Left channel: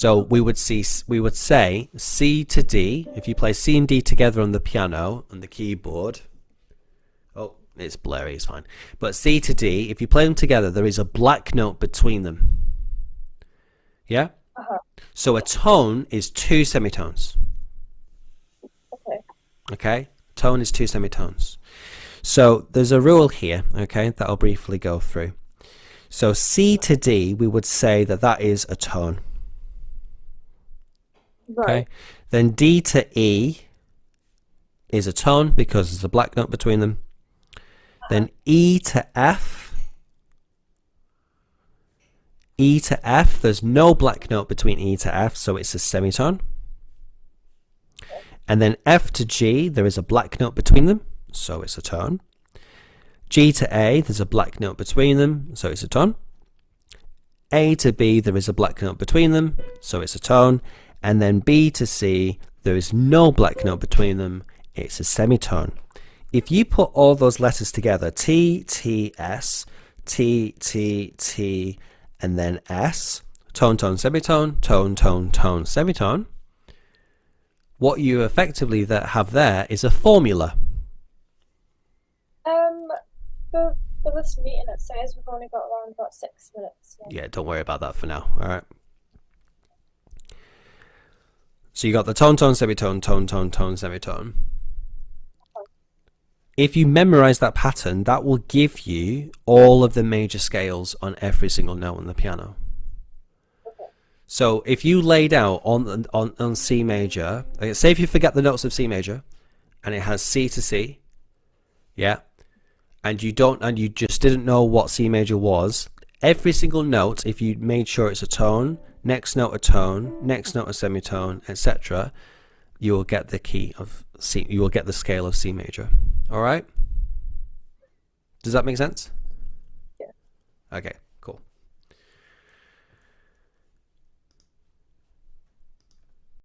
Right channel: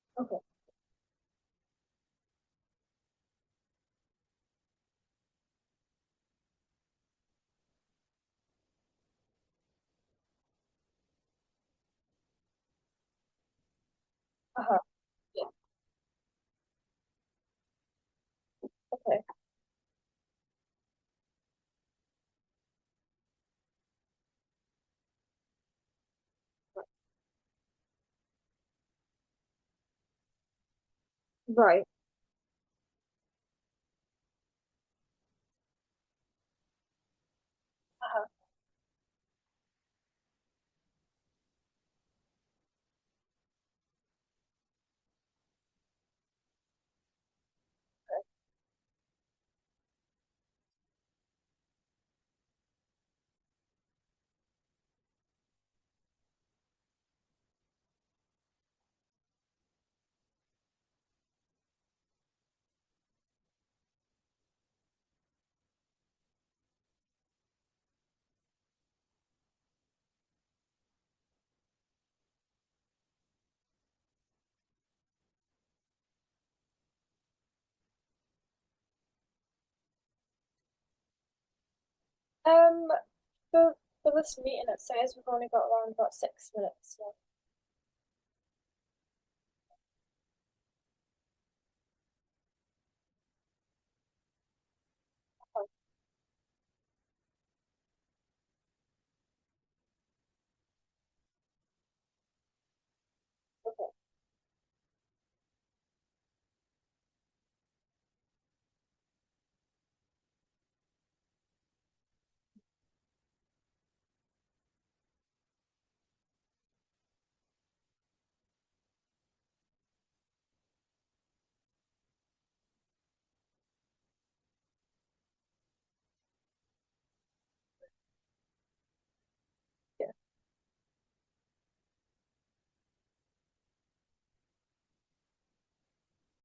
So we would say C to D. If you play C and D together on the piano, on the keyboard, oh, it's blurry, it's fine. But C to D, if you play them together, there is a black note between them. Yeah? So a tone is 2 semitones. Okay. Okay? Tone is 2 semitones. So there's a rule here, okay, that I'll briefly go through. So C to D, we would say that that is a tone. Right. Okay? Then D to E is a tone because there's a black note between them. Then E to F, there's no black note between E to F, so it's a semitone. And then F to G, there is a black note between them, so it's a tone. G to A, there's a black note between them, so it's a tone. A to B, there is a black note between them, so it's a tone. And then B to C, there is no black note between them, it's a semitone. If you put all those letters together, T, T, S, T, T, T, and then S, tone, tone, semitone, tone, tone, tone, semitone, what you effectively have there is a formula. For this meeting, it says we've only got around about 6 minutes. So. Yeah, don't worry about that for now. All right. So you got the tone, tone, semitone, tone, tone, tone, semitone. If you memorize that pattern, that will give you all of the major scales on every single note on the piano. Okay. So if you laid out on C major, like say if you forget the notes of C major, and it has C to C, yeah, and you just didn't know what C major was, every single note, if you made sure it's a tone, next note a tone, next note a semitone, etc., you will get the key of C. You will get the scale of C major. All right. Does that make sense? Yeah. Okay.